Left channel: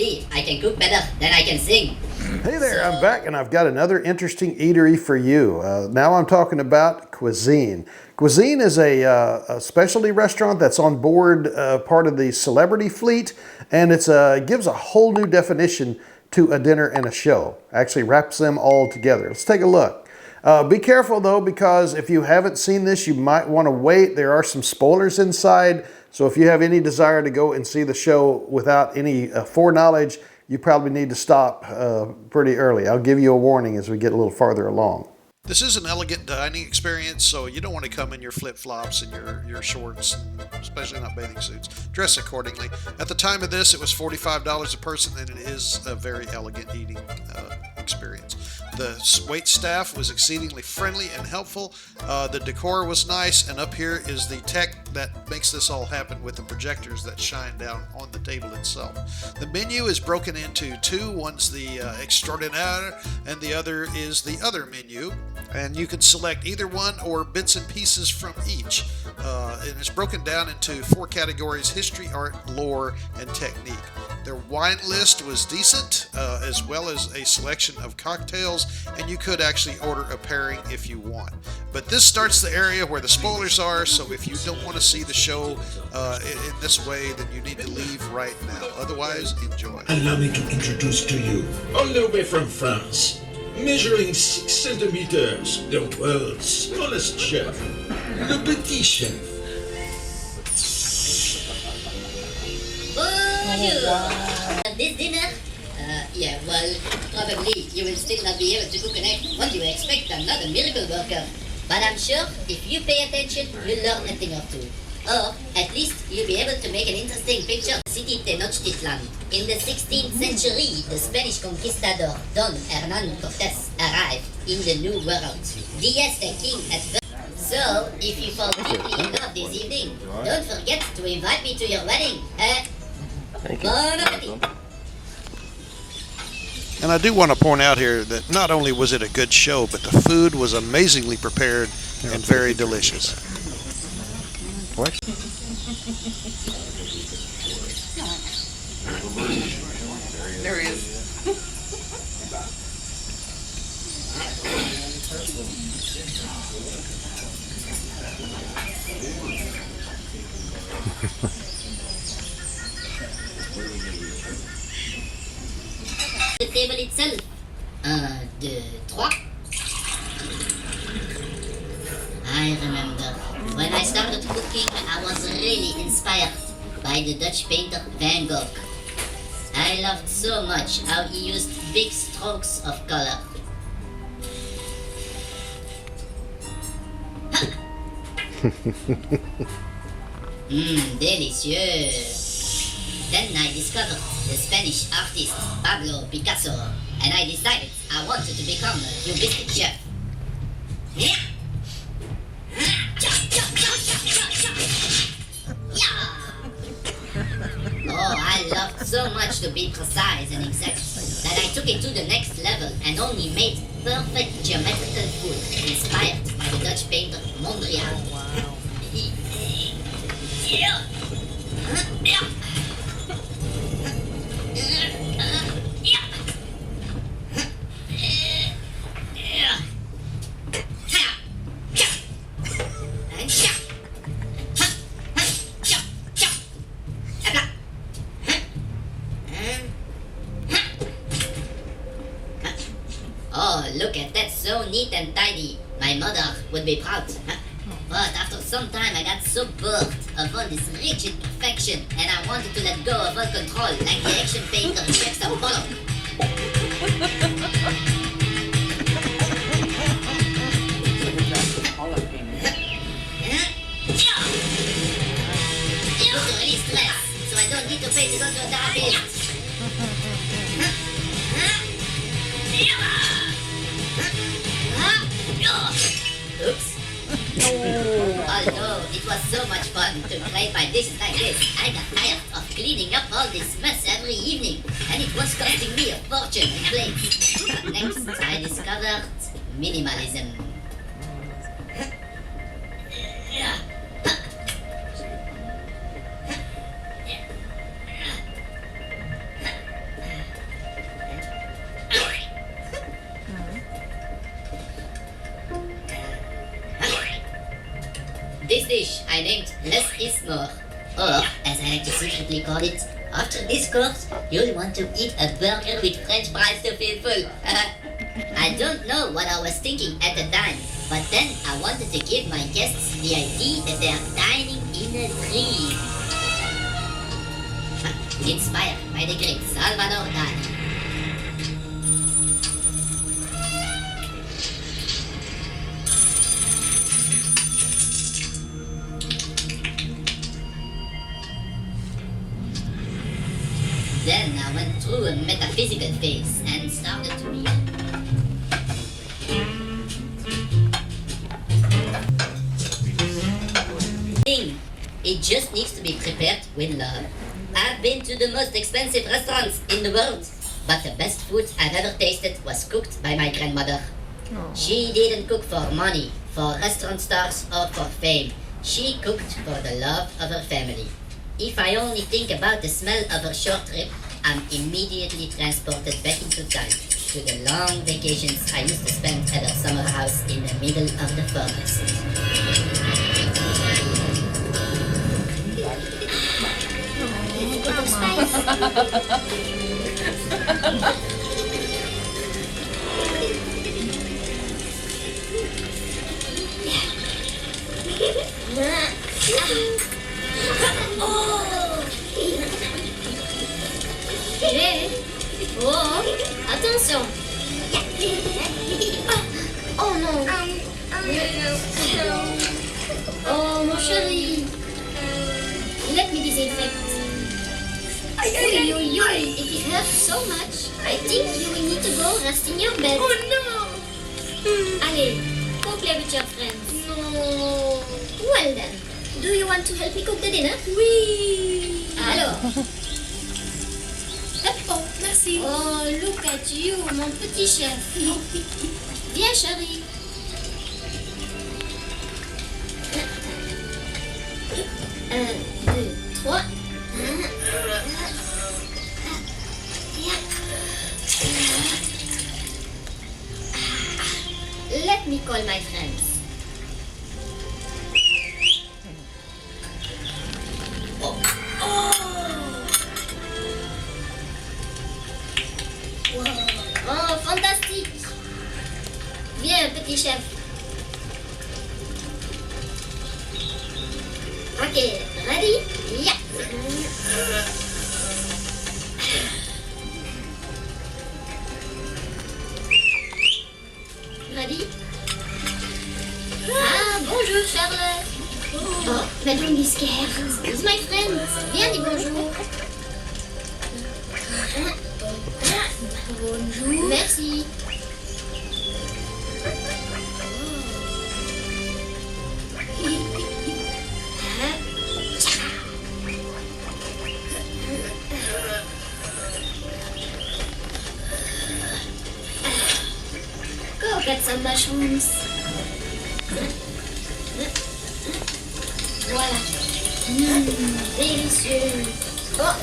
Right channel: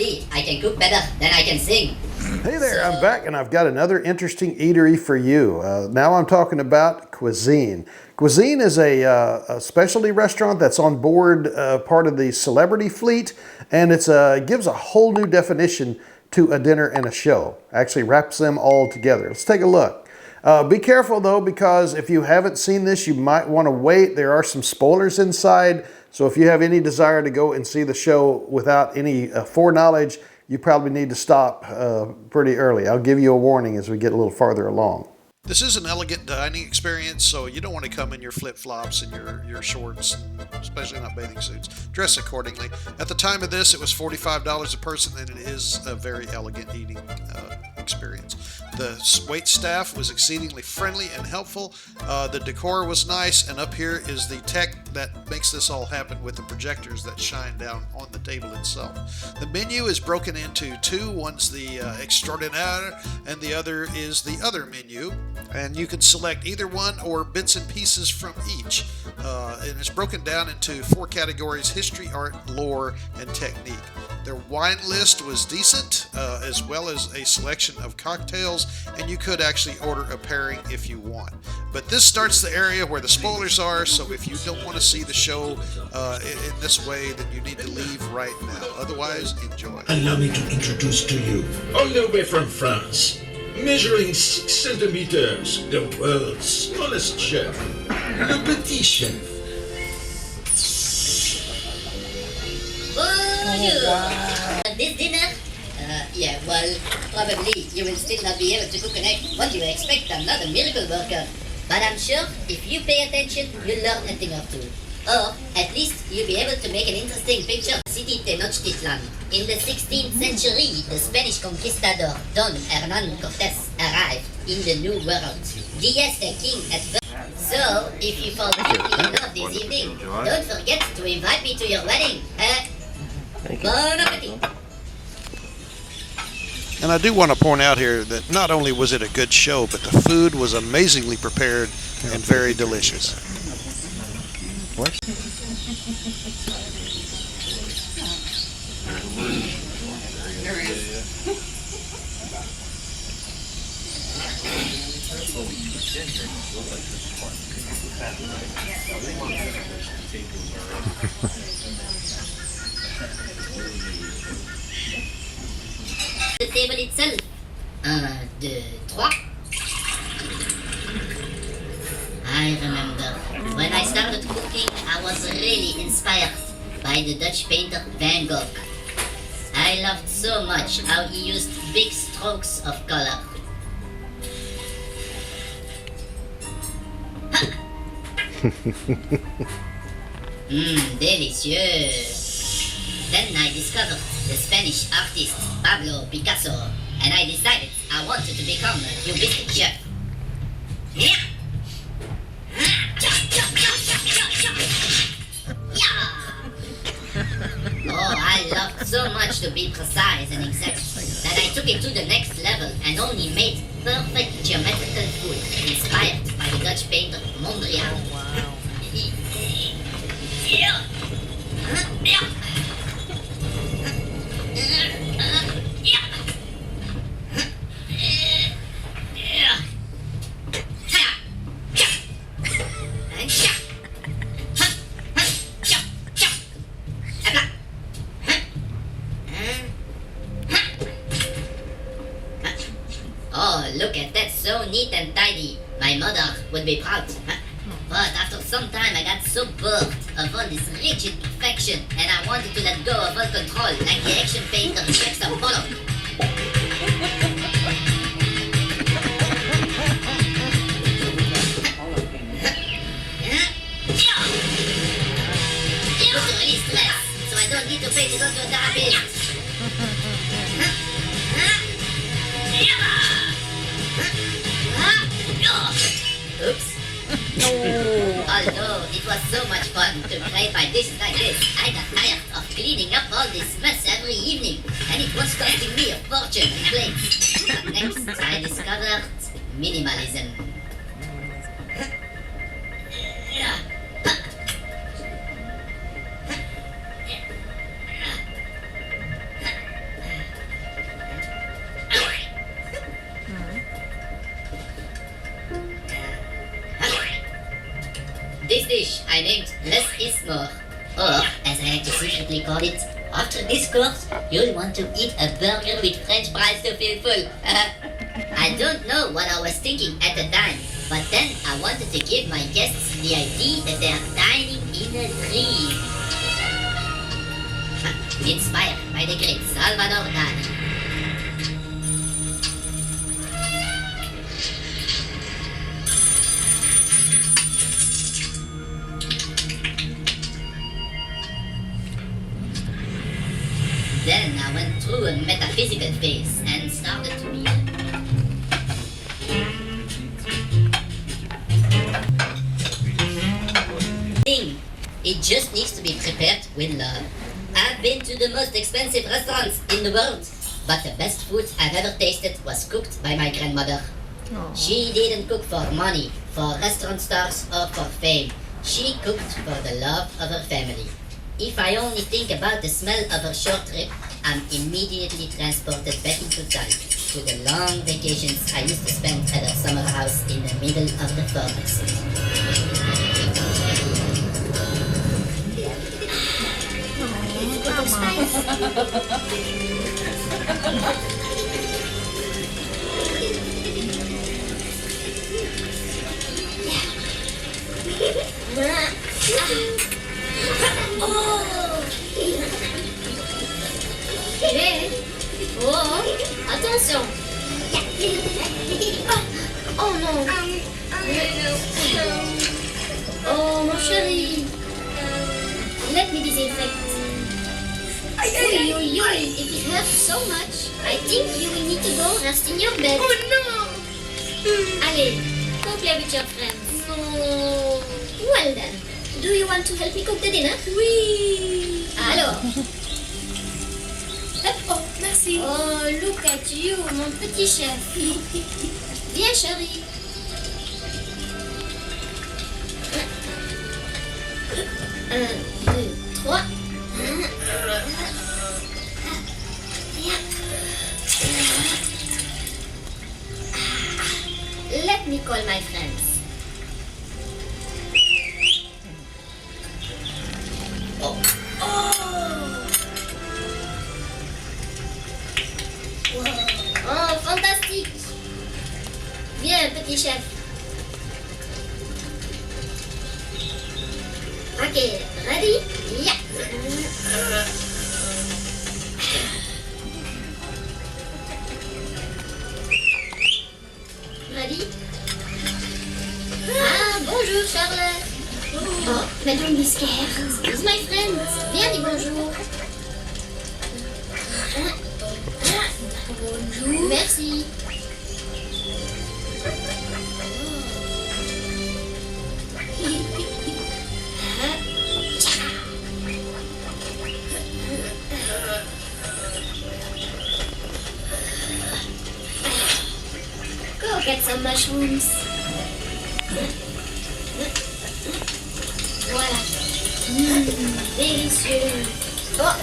Luckily, I can cook better than I can sing. Hey there, I'm back and I've got another interesting eatery for you. Now I'm talking about QusZine. QusZine is a specialty restaurant that's on board part of the celebrity fleet, and it gives a whole new definition to a dinner and a show. Actually wraps them all together. Let's take a look. Be careful though, because if you haven't seen this, you might want to wait. There are some spoilers inside, so if you have any desire to go and see the show without any foreknowledge, you probably need to stop pretty early. I'll give you a warning as we get a little farther along. This is an elegant dining experience, so you don't want to come in your flip-flops and your shorts, and especially not bathing suits. Dress accordingly. At the time of this, it was $45 a person, and it is a very elegant eating experience. The wait staff was exceedingly friendly and helpful. The decor was nice, and up here is the tech that makes this all happen with the projectors that shine down on the table itself. The menu is broken into two. One's the extraordinaire, and the other is the other menu. And you can select either one or bits and pieces from each. And it's broken down into 4 categories: history, art, lore, and technique. Their wine list was decent, as well as a selection of cocktails, and you could actually order a pairing if you want. But this starts the area where the spoilers are, so if you don't want to see the show in this way, then you need to leave right now. Otherwise, enjoy. Allow me to introduce to you, all the way from France, measuring 6 centimeters, the world's smallest chef, le petit chef. Bonjour! This dinner? Yeah, well, probably you will still not be able to cook an egg. What do you expect? I'm not a miracle worker. But I'm sure if you pay attention, you'll learn a thing or two. Or, at least, you'll be able to make an interesting picture of the city Tenochtitlan. In the 16th century, the Spanish conquistador Don Hernán Cortés arrived in the New World. The Aztec king had So, if you fall deeply in love this evening, don't forget to invite me to your wedding. Bon appetit! And I do want to point out here that not only was it a good show, but the food was amazingly prepared and very delicious. What? There he is. The table itself. 1, 2, 3. I remember when I started cooking, I was really inspired by the Dutch painter Van Gogh. I loved so much how he used big strokes of color. Delicious. Then I discovered the Spanish artist Pablo Picasso, and I decided I wanted to become a cubistic chef. Oh, I loved so much to be precise and exact that I took it to the next level and only made perfect geometrical food inspired by the Dutch painter Mondrian. Oh, wow. Oh, look at that, so neat and tidy. My mother would be proud. But after some time I got so bored of all this rigid perfection and I wanted to let go of all control like the action painter Jackson Pollock. Just to release stress, so I don't need to pay to go to a therapist. Oops. Although it was so much fun to play my dishes like this, I got tired of cleaning up all this mess every evening, and it was costing me a fortune in plates. Next, I discovered minimalism. this dish I named Less is More. Or, as I like to secretly call it, after this course, you'll want to eat a burger with French fries to feel full. I don't know what I was thinking at the time, but then I wanted to give my guests the idea that they are dining in a dream. Inspired by the great Salvador Dali. Then I went through a metaphysical phase and started to be. It just needs to be prepared with love. I've been to the most expensive restaurants in the world, but the best food I've ever tasted was cooked by my grandmother. She didn't cook for money, for restaurant stars, or for fame. She cooked for the love of her family. If I only think about the smell of her short trip, I'm immediately transported back into time to the long vacations I used to spend at her summer house in the middle of the forest. Oh, attention. Oh non. Oh mon chéri. Let me disinfect. If it hurts so much, I think you will need to go rest in your bed. Oh no. Allez, go play with your friends. No. Well then, do you want to help me cook the dinner? Oui. Alors. Oh, merci. Oh, look at you, mon petit chef. Viens, chérie. Un, deux, trois. Let me call my friends. Oh, fantastique! Bien, petit chef. Okay, ready? Yeah. Ready? Ah, bonjour, Charles. Oh, mais don't be scared. It's my friend. Viens, dis bonjour. Bonjour. Merci. Go get some mushrooms. Voilà. Délicieux. Oh,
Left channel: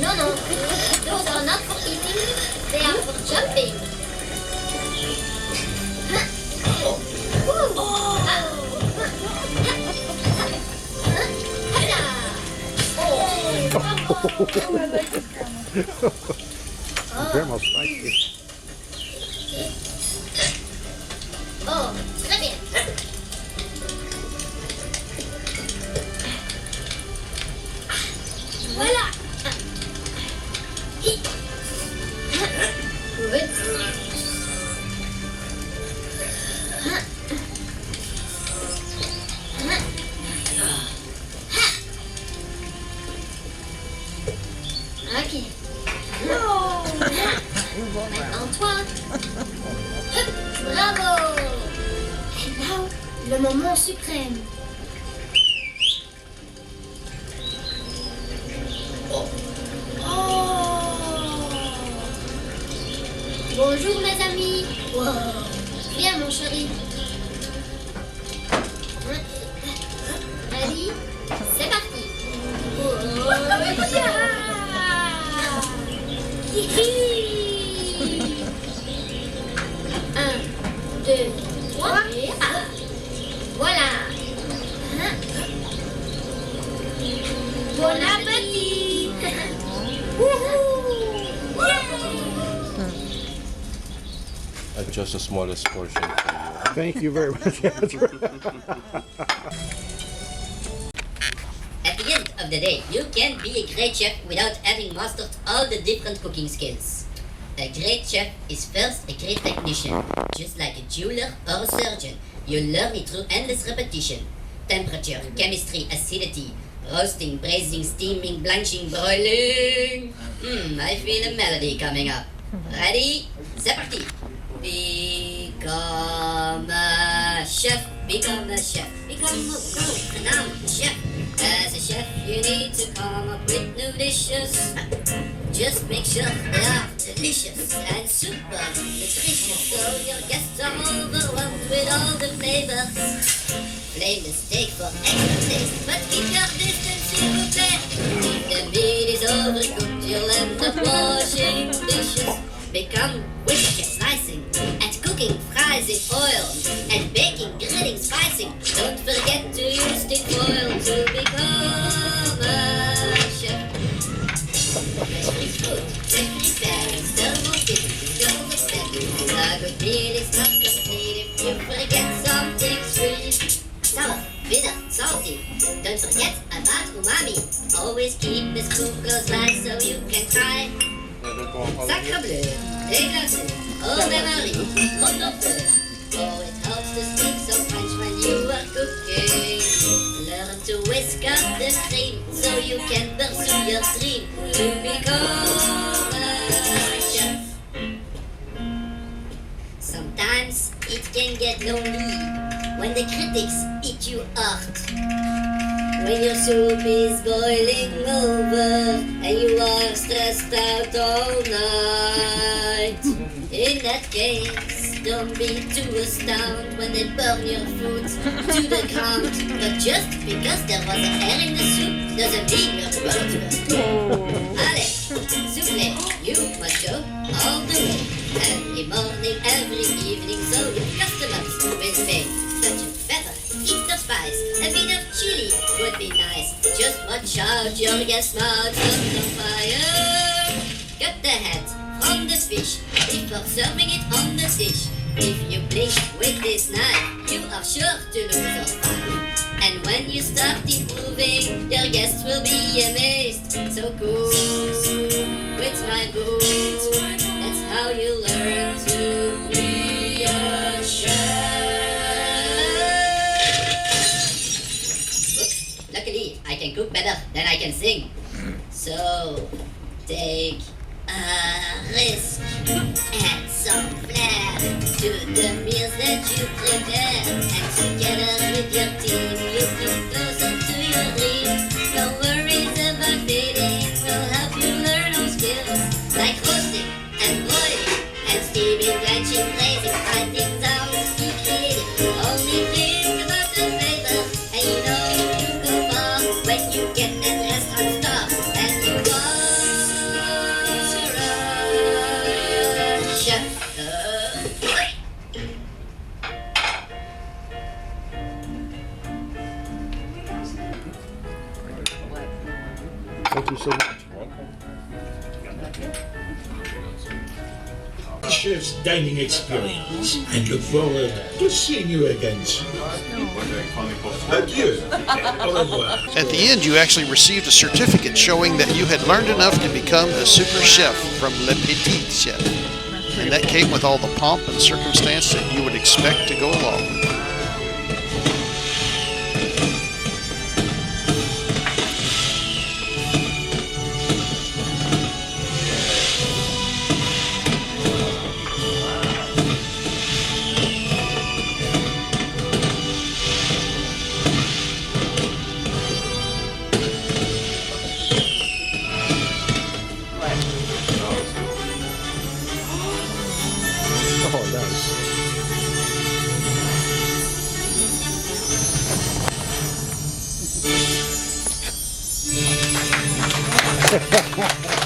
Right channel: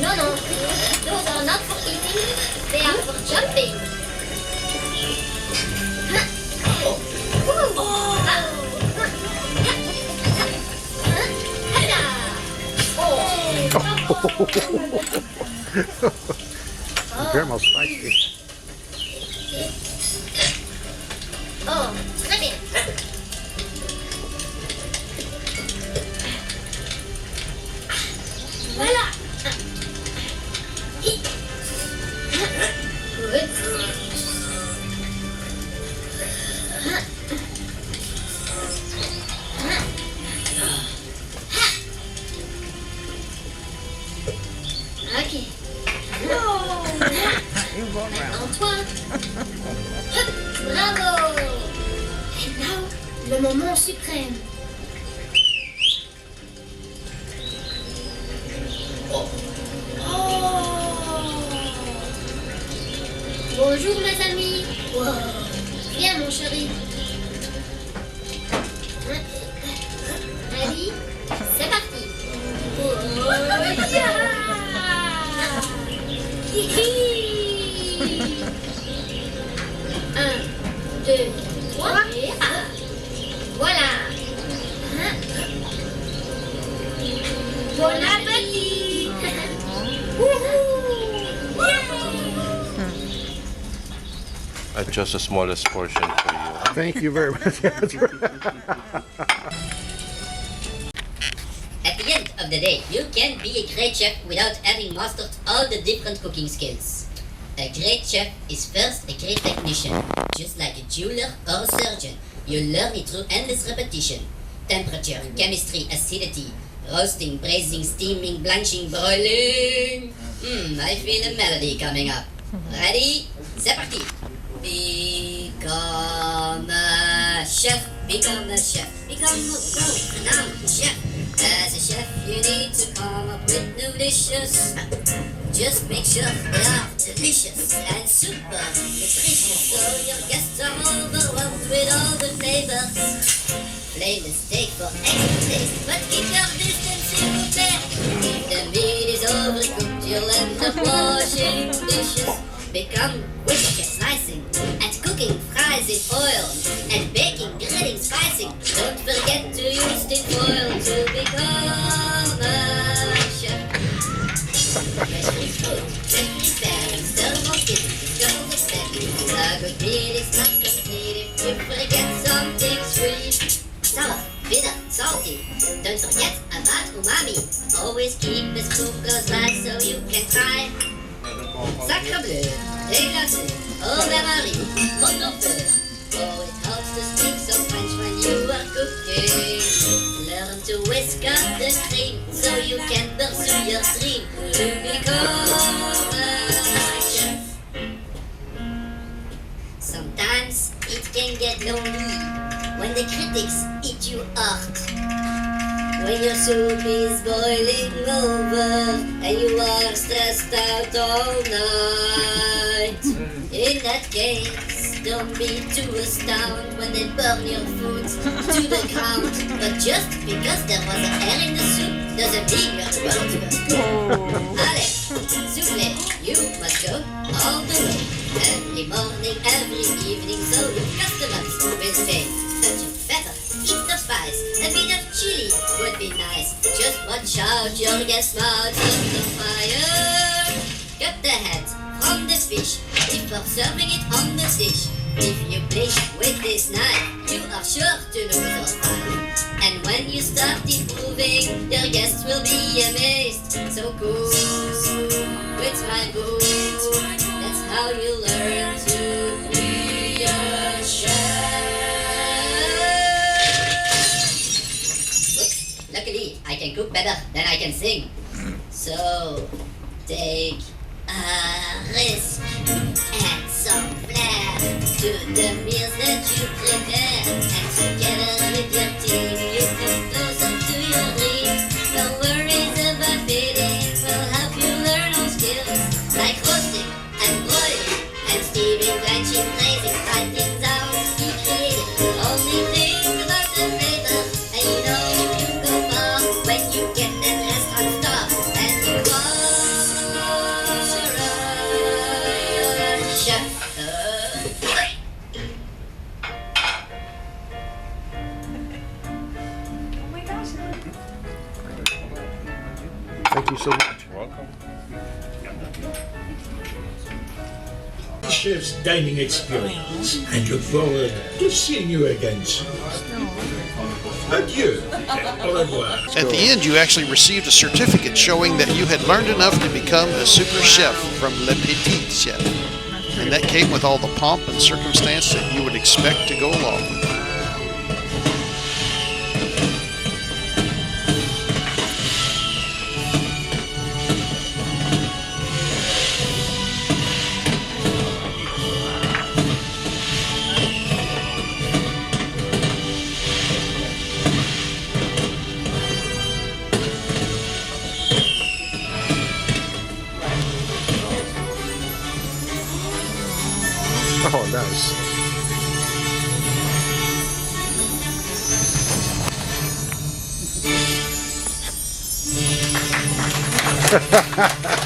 non, non. Those are not for eating. They are for jumping. Grandma's spicy. Oh, très bien. Voilà. Good. Ok. Antoine. Bravo. And now, le moment suprême. Bonjour mes amis. Wow. Viens mon chéri. Ready? C'est parti. Oh, yeah. Un, deux, trois et un. Voilà. Bon appétit! Woohoo! Just the smallest portion for you. Thank you very much. That's right. At the end of the day, you can be a great chef without having mastered all the different cooking skills. A great chef is first a great technician, just like a jeweler or a surgeon. You learn it through endless repetition. Temperature, chemistry, acidity, roasting, braising, steaming, blanching, broiling. I feel a melody coming up. Ready? C'est parti! Become a chef, become a chef, become a world-renowned chef. As a chef, you need to come up with new dishes. Just make sure they are delicious and super nutritious, so your guests are overwhelmed with all the flavors. Flame the steak for extra taste, but keep your distance, s'il vous plaît. If the meat is overcooked, you'll end up washing dishes. Become quick at slicing and cooking fries in oil and baking, grilling, spicing. Don't forget to use tin foil to become a chef. Making food and preparing several things is gold expected. A good meal is not complete if you forget something sweet. Sour, bitter, salty. Don't forget about umami. Always keep a spoon close by so you can try. Sacre bleu, déglacé, au bain-marie, pot-au-feu. Oh, it helps to speak some French when you are cooking. Learn to whisk up the cream so you can pursue your dream to become a chef. Sometimes it can get lonely when the critics eat you hard. When your soup is boiling over and you are stressed out all night. In that case, don't be too astounded when they burn your food to the ground. But just because there was an air in the soup doesn't mean you're the world. Allez, soufflez, you must go all the way. Every morning, every evening, so your customers will pay. Touch of pepper, eat the spice, a bit of chili would be nice. Just watch out, your guest mouth on the fire. Cut the head from the fish before serving it on the dish. If you bleach with this knife, you are sure to lose all time. And when you start improving, your guests will be amazed. So cool, it's my book. That's how you learn to be a chef. Luckily, I can cook better than I can sing. So, take a risk, add some flair to the meals that you prepare. And together with your team, you come closer to your dream. No worries about feeding, we'll help you learn all skills like roasting and boiling and steaming, blanching, braising, writing down, be creative. Only think about the flavor, and you know you go far when you get that restaurant star. And you are a chef. Thank you so much. Chef's dining experience and look forward to seeing you again soon. Adieu. Au revoir. At the end, you actually received a certificate showing that you had learned enough to become a super chef from Le Petit Chef. And that came with all the pomp and circumstance that you would expect to go along with it. Oh, nice.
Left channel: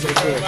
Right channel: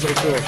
So cool.